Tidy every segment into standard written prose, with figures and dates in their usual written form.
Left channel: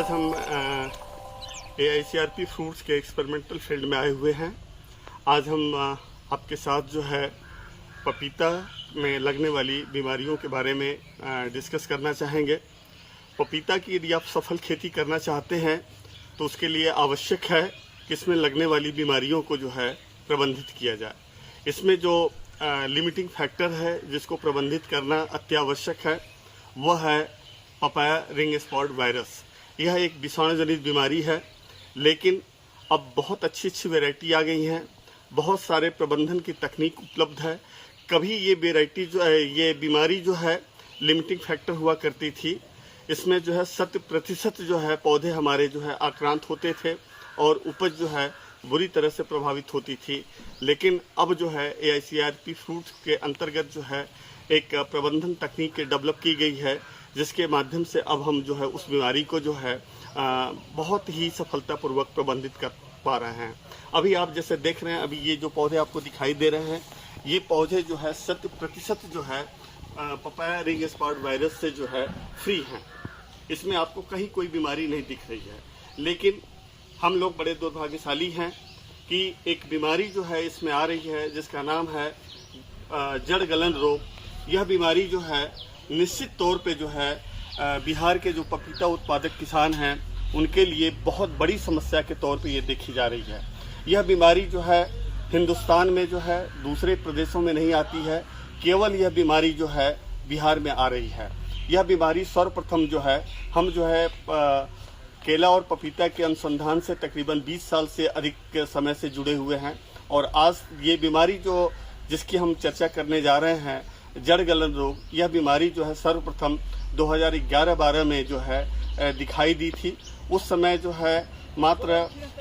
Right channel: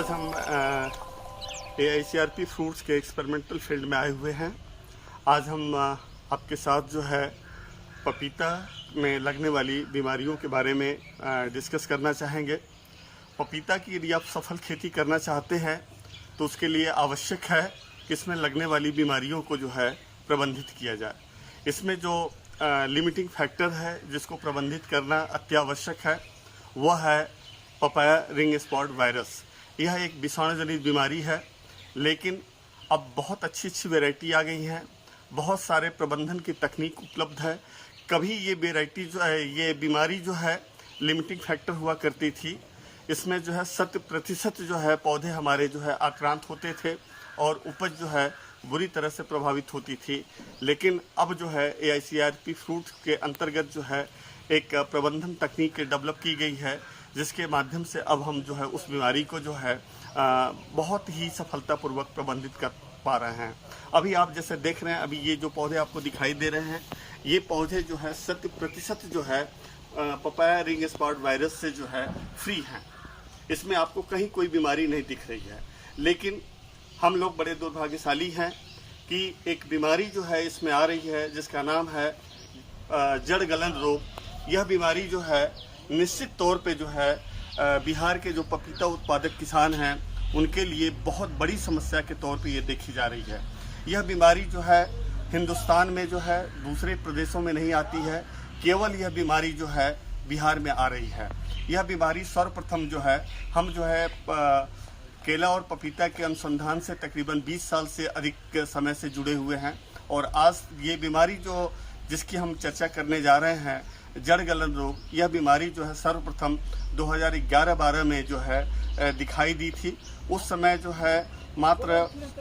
आज हम AICRP fruits के एक्सपेरिमेंटल फील्ड में आए हुए हैं। आज हम आपके साथ जो है पपीता में लगने वाली बीमारियों के बारे में डिस्कस करना चाहेंगे। पपीता की यदि आप सफल खेती करना चाहते हैं तो उसके लिए आवश्यक है कि इसमें लगने वाली बीमारियों को जो है प्रबंधित किया जाए। इसमें जो लिमिटिंग फैक्टर है जिसको प्रबंधित करना अत्यावश्यक है वह है पपाया रिंग स्पॉट वायरस। यह एक विषाणुजनित बीमारी है, लेकिन अब बहुत अच्छी वैरायटी आ गई हैं, बहुत सारे प्रबंधन की तकनीक उपलब्ध है। कभी ये वैरायटी जो है, ये बीमारी जो है लिमिटिंग फैक्टर हुआ करती थी। इसमें जो है 100% जो है पौधे हमारे जो है आक्रांत होते थे और उपज जो है बुरी तरह से प्रभावित होती थी। लेकिन अब जो है AICRP फ्रूट के अंतर्गत जो है एक प्रबंधन तकनीक डेवलप की गई है, जिसके माध्यम से अब हम जो है उस बीमारी को जो है बहुत ही सफलतापूर्वक प्रबंधित कर पा रहे हैं। अभी आप जैसे देख रहे हैं, अभी ये जो पौधे आपको दिखाई दे रहे हैं, ये पौधे जो है 100% जो है पपाया रिंग स्पॉट वायरस से जो है फ्री हैं। इसमें आपको कहीं कोई बीमारी नहीं दिख रही है। लेकिन हम लोग बड़े दुर्भाग्यशाली हैं कि एक बीमारी जो है इसमें आ रही है जिसका नाम है जड़ गलन रोग। यह बीमारी जो है निश्चित तौर पे जो है बिहार के जो पपीता उत्पादक किसान हैं उनके लिए बहुत बड़ी समस्या के तौर पे ये देखी जा रही है। यह बीमारी जो है हिंदुस्तान में जो है दूसरे प्रदेशों में नहीं आती है, केवल यह बीमारी जो है बिहार में आ रही है। यह बीमारी सर्वप्रथम जो है हम जो है केला और पपीता के अनुसंधान से तकरीबन 20 साल से अधिक समय से जुड़े हुए हैं और आज ये बीमारी जो जिसकी हम चर्चा करने जा रहे हैं, जड़ गलन रोग, यह बीमारी जो है सर्वप्रथम 2011-12 में जो है दिखाई दी थी। उस समय जो है मात्र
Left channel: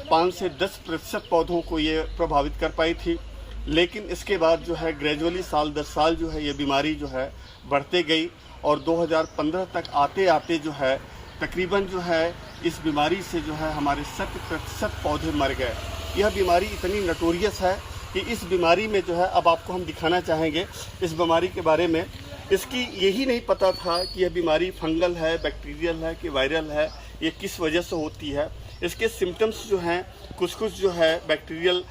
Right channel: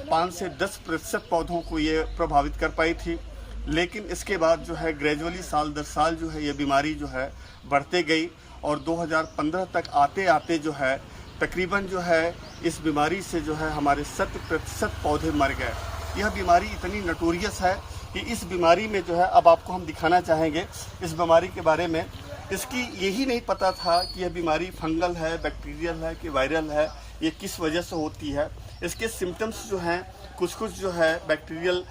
5 से 10% पौधों को ये प्रभावित कर पाई थी। लेकिन इसके बाद जो है ग्रेजुअली साल दर साल जो है ये बीमारी जो है बढ़ते गई और 2015 तक आते आते जो है तकरीबन जो है इस बीमारी से जो है हमारे 100% पौधे मर गए। यह बीमारी इतनी नटोरियस है कि इस बीमारी में जो है अब आपको हम दिखाना चाहेंगे इस बीमारी के बारे में। इसकी यही नहीं पता था कि यह बीमारी फंगल है, बैक्टीरियल है कि वायरल है, ये किस वजह से होती है। इसके सिम्टम्स जो हैं कुछ जो है बैक्टीरियल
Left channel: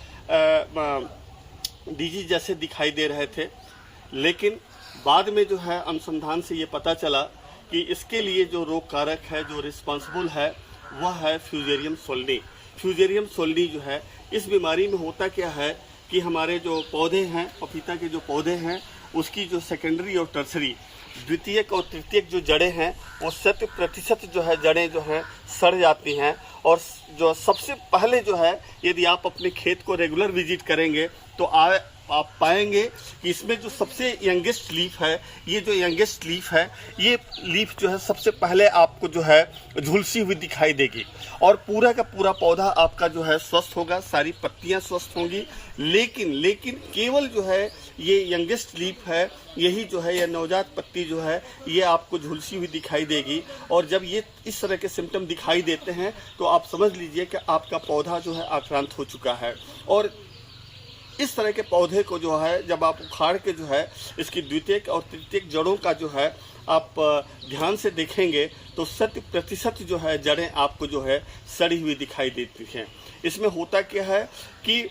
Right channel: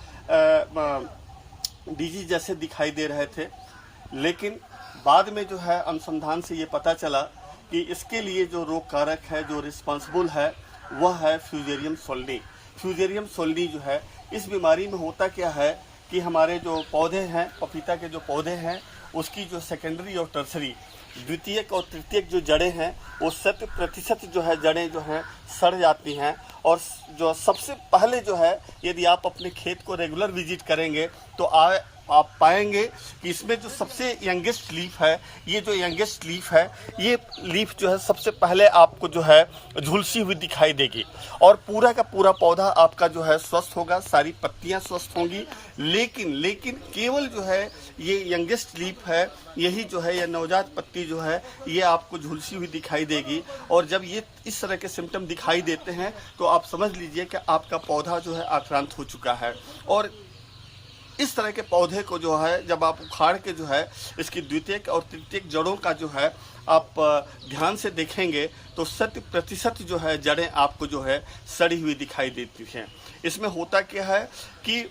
डिजीज जैसे दिखाई दे रहे थे। लेकिन बाद में जो है अनुसंधान से ये पता चला कि इसके लिए जो रोग कारक है, जो रिस्पॉन्सिबल है, वह है फ्यूजेरियम सोल्नी। फ्यूजेरियम सोल्नी जो है इस बीमारी में होता क्या है कि हमारे जो पौधे हैं, पपीता के जो पौधे हैं, उसकी जो सेकेंडरी और टर्सरी, द्वितीयक और तृतीयक जो जड़ें हैं वो 100% जो है जड़ें जो हैं सड़ जाती हैं। और जो सबसे पहले जो है यदि आप अपने खेत को रेगुलर विजिट करेंगे तो आप पाएंगे कि इसमें जो सबसे यंगेस्ट लीफ है, ये जो यंगेस्ट लीफ है, ये लीफ जो है सबसे पहले आपको जो है झुलसी हुई दिखाई देगी और पूरा का पूरा पौधा आपका जो है स्वस्थ होगा, सारी पत्तियां स्वस्थ होंगी। लेकिन केवल जो है ये यंगेस्ट लीफ है, यही जो है यह नवजात पत्ती जो है ये आपको झुलसी हुई दिखाई देगी। और जब ये इस तरह के सिम्टम दिखाई देते हैं तो आप समझ लीजिए कि आपका पौधा जो है आक्रांत हो चुका है। और इस तरह के पौधे को जो है जब आप उखाड़ के जो है इसकी द्वितीयक और तृतीयक जड़ों का जो है आप ध्यान से देखेंगे तो 100% जो है जड़ें आपको जो है सड़ी हुई दिखाई देती हैं। इसमें होता क्या है कि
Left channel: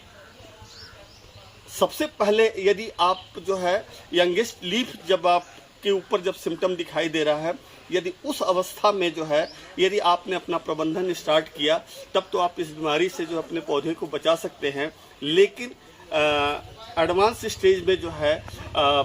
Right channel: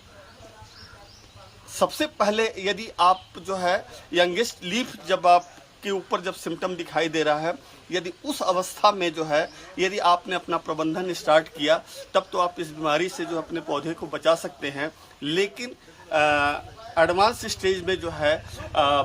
सबसे पहले यदि आप जो है यंगेस्ट लीफ जब आप के ऊपर जब सिम्टम दिखाई दे रहा है, यदि उस अवस्था में जो है यदि आपने अपना प्रबंधन स्टार्ट किया तब तो आप इस बीमारी से जो अपने पौधे को बचा सकते हैं। लेकिन एडवांस स्टेज में जो है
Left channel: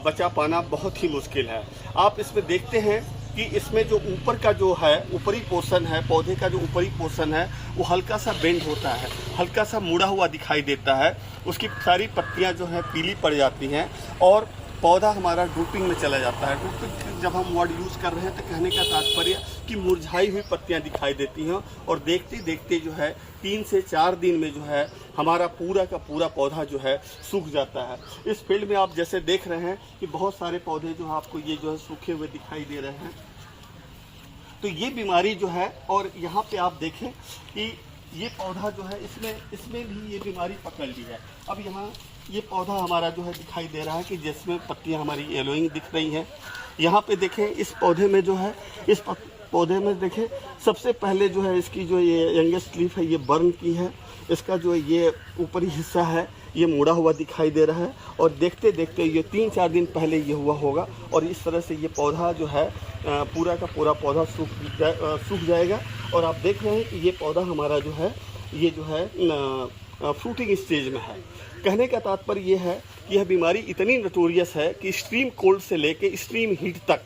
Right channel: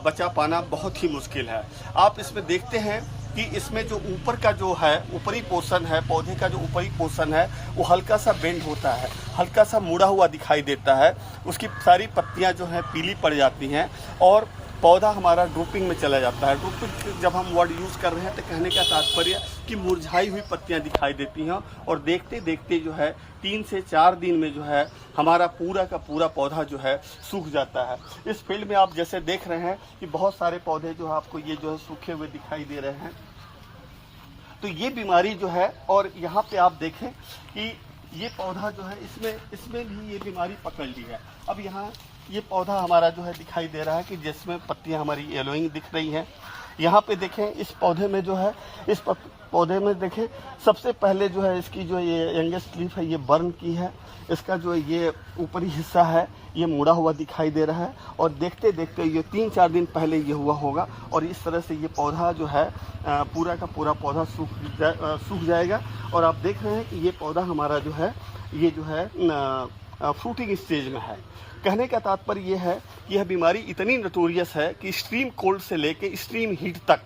बचा पाना बहुत ही मुश्किल है। आप इसमें देखते हैं कि इसमें जो ऊपर का जो है ऊपरी पोर्शन है, पौधे का जो ऊपरी पोर्शन है वो हल्का सा बेंड होता है, हल्का सा मुड़ा हुआ दिखाई देता है। उसकी सारी पत्तियां जो हैं पीली पड़ जाती हैं और पौधा हमारा ड्रूपिंग में चला जाता है। ड्रूपिंग जब हम वर्ड यूज़ कर रहे हैं तो कहने का तात्पर्य कि मुरझाई हुई पत्तियां दिखाई देती हैं और देखते देखते जो है 3 से 4 दिन में जो है हमारा पूरा का पूरा पौधा जो है सूख जाता है। इस फील्ड में आप जैसे देख रहे हैं कि बहुत सारे पौधे जो आपको ये जो है सूखे हुए दिखाई दे रहे हैं। तो ये बीमारी जो है, और यहाँ पे आप देखें कि ये पौधा जो है इसमें भी ये बीमारी पकड़ ली है। अब यहाँ ये पौधा हमारा जो है दिखाई दे रहा है कि जिसमें पत्तियां हमारी येलोइंग दिख रही हैं। यहाँ पे देखें इस पौधे में जो है पौधे में देखें, सबसे पहले जो है इसकी जो ये यंगेस्ट लीफ है ये बर्न की है। इसका जो ये ऊपरी हिस्सा है ये मुड़ा हुआ दिखाई दे रहा है, और देखते देखते ये 3-4 दिन पहले ये हुआ होगा, और इस तरह से ये पौधा जो है पूरा का पूरा पौधा सूख जाएगा। और आप देख रहे हैं कि ये पौधा हमारा जो है ये जो है फ्रूटिंग स्टेज में है। कहने का तात्पर्य ये है कि यह बीमारी इतनी नटोरियस है कि एक्सट्रीम कोल्ड से लेके एक्सट्रीम हीट तक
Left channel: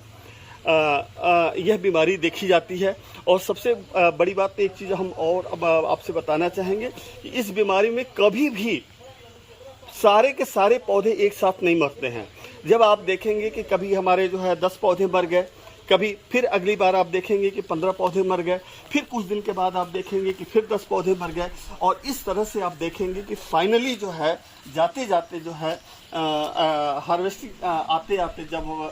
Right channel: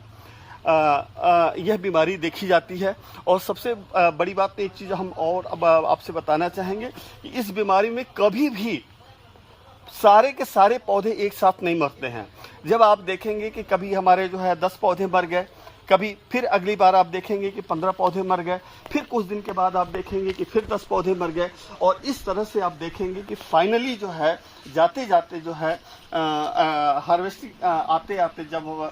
यह बीमारी देखी जाती है। और सबसे बड़ी बात एक चीज़ हम और अब आपसे बताना चाहेंगे कि इस बीमारी में कभी भी सारे के सारे पौधे एक साथ नहीं मरते हैं। जब आप देखेंगे कि कभी हमारे जो है 10 पौधे मर गए, कभी फिर अगली बार आप देखेंगे कि 15 पौधे मर गए, फिर कुछ दिन के बाद आप देखेंगे कि फिर 10 पौधे मर गए, और इस तरह से आप देखेंगे कि फाइनली जो है जाते जाते जो है हार्वेस्टिंग आते आते जब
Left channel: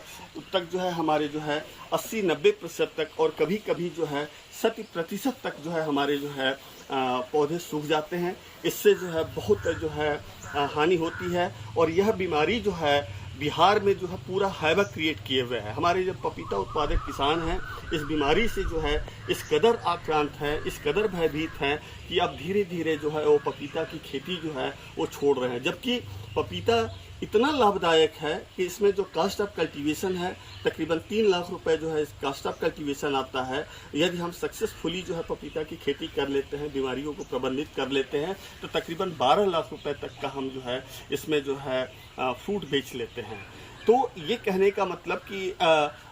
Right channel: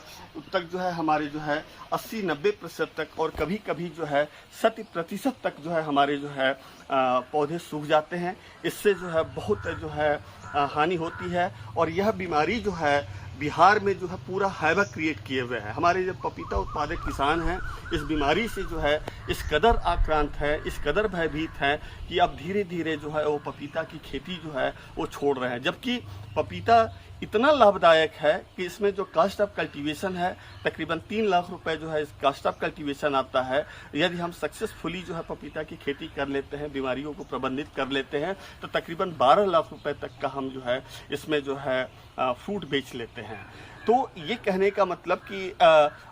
तक जो है हमारे जो है 80-90% तक, और कभी कभी जो है 100% तक जो है हमारे जो है पौधे सूख जाते हैं। इससे जो है बहुत जो है हानि होती है। और यह बीमारी जो है बिहार में जो है पूरा हैवक क्रिएट किए हुए है। हमारे जो पपीता उत्पादक किसान हैं इस बीमारी से जो है इस कदर आक्रांत है, इस कदर भयभीत हैं कि अब धीरे धीरे जो है वो पपीता की खेती जो है वो छोड़ रहे हैं। जबकि पपीता इतना लाभदायक है कि इसमें जो कास्ट ऑफ कल्टीवेशन है तकरीबन 3 लाख रुपए जो है इस कास्ट ऑफ कल्टीवेशन आता है। यदि हम सक्सेसफुली जो है पपीता की खेती कर लेते हैं, बीमारियों को प्रबंधित कर लेते हैं, तो तकरीबन 12 लाख रुपए तक का हम जो है इसमें जो है फ्रूट बेच लेते हैं। तो ये कहने का मतलब कि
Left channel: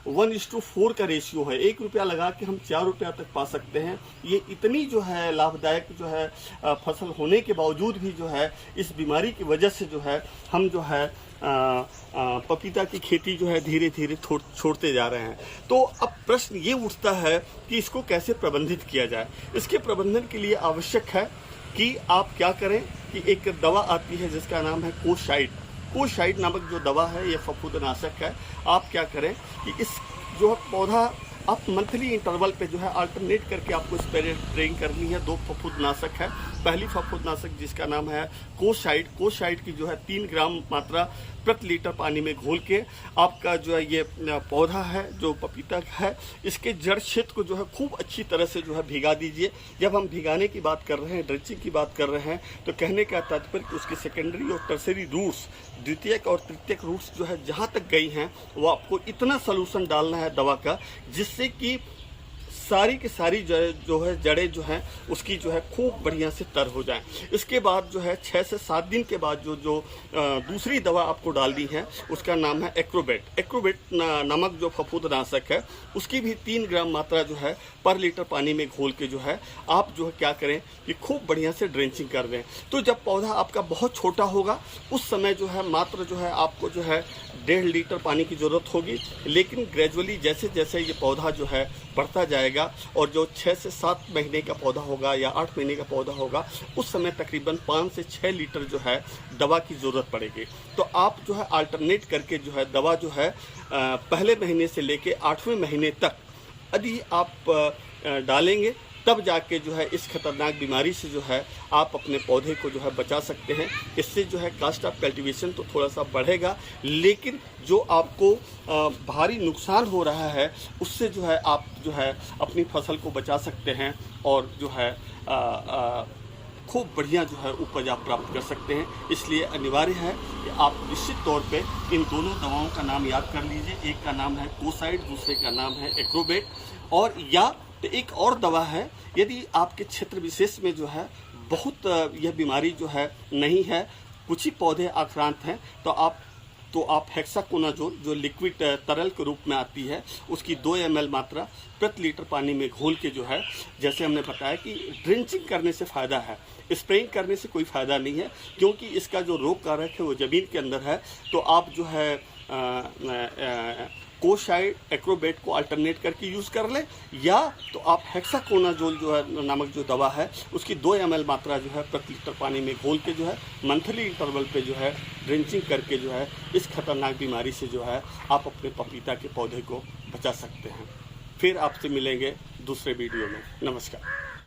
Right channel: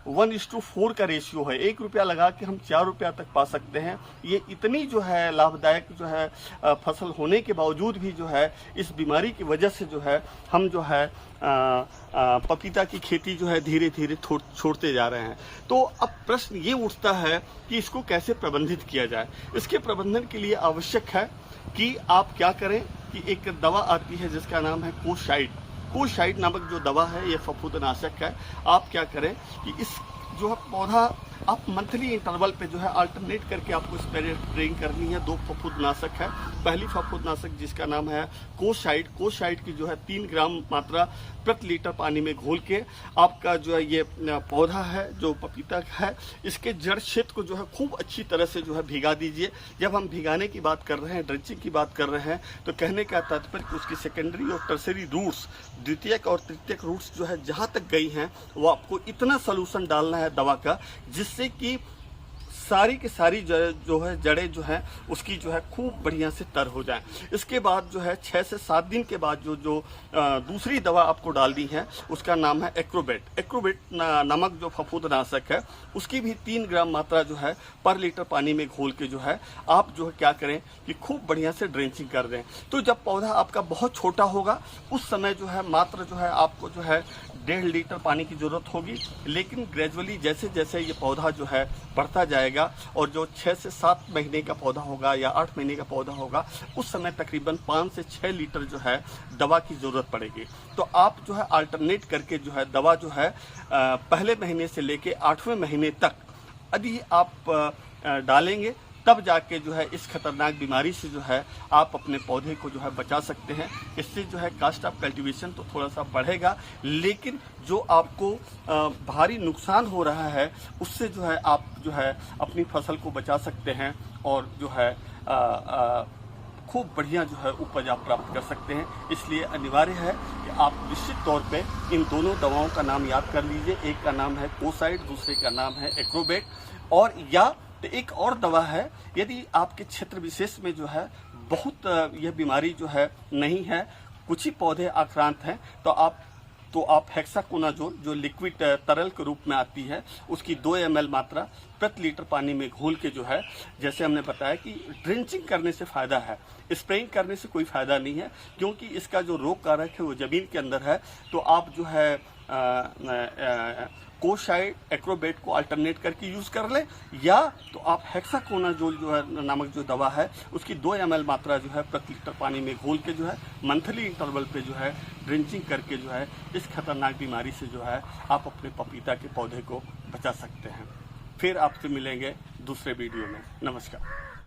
1:4 का रेशियो है। 1 रुपया लगा के हम 4 रुपया तक पा सकते हैं। ये इतनी जो है लाभदायक जो है फसल होने के बावजूद भी जो है इस बीमारी की वजह से जो है हम जो है पपीता की खेती जो है धीरे धीरे छोड़ते जा रहे हैं। तो अब प्रश्न ये उठता है कि इसको कैसे प्रबंधित किया जाए। इसके प्रबंधन के लिए आवश्यक है कि आप क्या करें कि एक दवा आती है जिसका नाम है कोशाइड नामक जो दवा है ये फफूंदनाशक है। आप क्या करें कि इस जो है पौधा आप मंथली इंटरवल पे जो है अल्टरनेट करके आपको स्प्रेइंग करनी है। 2 फफूंदनाशक है। पहली फफूंदनाशक जिसका नाम है कोशाइड की जो है 3 ग्राम मात्रा प्रति लीटर पानी में घोल के आपका जो है ये पौधा है जो पपीता है इसके जड़ क्षेत्र को जो है खूब अच्छी तरह से जो है भिगा दीजिए। जब हम भिगाने की बात कर रहे हैं, ड्रेंचिंग की बात कर रहे हैं, तो कहने का तात्पर्य कि उसकी सेकेंडरी और टर्सरी रूट्स, द्वितीयक और तृतीयक रूट्स जो है जहाँ तक गई हैं वो आपको इतना सोल्यूशन डालना है दवा का जिससे कि सारी की सारी जो है जड़ें जो हैं उसकी जो है खूब बढ़िया से तर हो जाएं। इसके बाद जो है 6 से 7 दिन के बाद जो दूसरी दवा आपको डालनी है उसका नाम है एक्रोबेट नामक जो फफूंदनाशक है उसकी भी 3 ग्राम मात्रा जो है पर लीटर पानी में घोल के जो है आप जो है क्या करें कि खूब बढ़िया से ड्रेंचिंग कर दें। तो जब पौधा आपका बहुत छोटा होगा उस समय जो है मात्र जो है आपको जो है 1.5 लीटर पानी की जरूरत होगी। लेकिन ग्रेजुअली जैसे जैसे ये पौधा जो है बढ़ता जाएगा और जो 6 से 7 महीने का पौधा होगा या 8 महीने का पौधा होगा उस समय तकरीबन 5 से 6 लीटर जो है दवा की जरूरत पड़ेगी। तो आप जो है अल्टरनेट करके जो है दवा जो है पहले महीने से लेके 8वें महीने तक यदि आप डालेंगे तब जाके जो है इस खतरनाक बीमारी से जो है आप अपने पौधे को जो है बचा सकते हैं। इससे जो है कास्ट ऑफ कल्टीवेशन तो थोड़ा सा बढ़ेगा, लेकिन जो आपको भारी नुकसान हो रहा है उससे जो है आप जो है अपनी फसल को बचा सकते हैं और जो है खूब बढ़िया जो है उपज आप प्राप्त कर सकते हैं। इसलिए अनिवार्य है कि आप निश्चित तौर पे इन दोनों दवाओं का नाम याद कर लीजिए। एक का नाम है कोसाइड, दूसरे का नाम है एक्रोबेट, और या तो एक और दवा है यदि आपके क्षेत्र विशेष में जो है बहुत यह बीमारी जो है नहीं है, कुछ ही पौधे आक्रांत हैं, तो आप हेक्साकोनाजोल जो लिक्विड तरल के रूप में आती है उसकी 2 ml मात्रा प्रति लीटर पानी में घोल के जो है, जैसे हमने बताया कि ड्रेंचिंग करने से फ़ायदा है, स्प्रेइंग करने से कोई फ़ायदा नहीं है क्योंकि इसका जो रोग कारक है वो ज़मीन के अंदर है। तो आप जो है कोशाइड एक्रोबेट को अल्टरनेट करके यूज़ कर लें, या तो आप हेक्साकोनाजोल जो है नामक जो दवा है उसकी 2 ml मात्रा जो है प्रति लीटर पानी में घोल के जो है मंथली इंटरवल पे जो है ड्रेंचिंग करके जो है इस खतरनाक बीमारी से जो है आप अपने पपीता के पौधे को बचा सकते हैं। फिर आपसे मिलेंगे दूसरे वीडियो में। नमस्कार।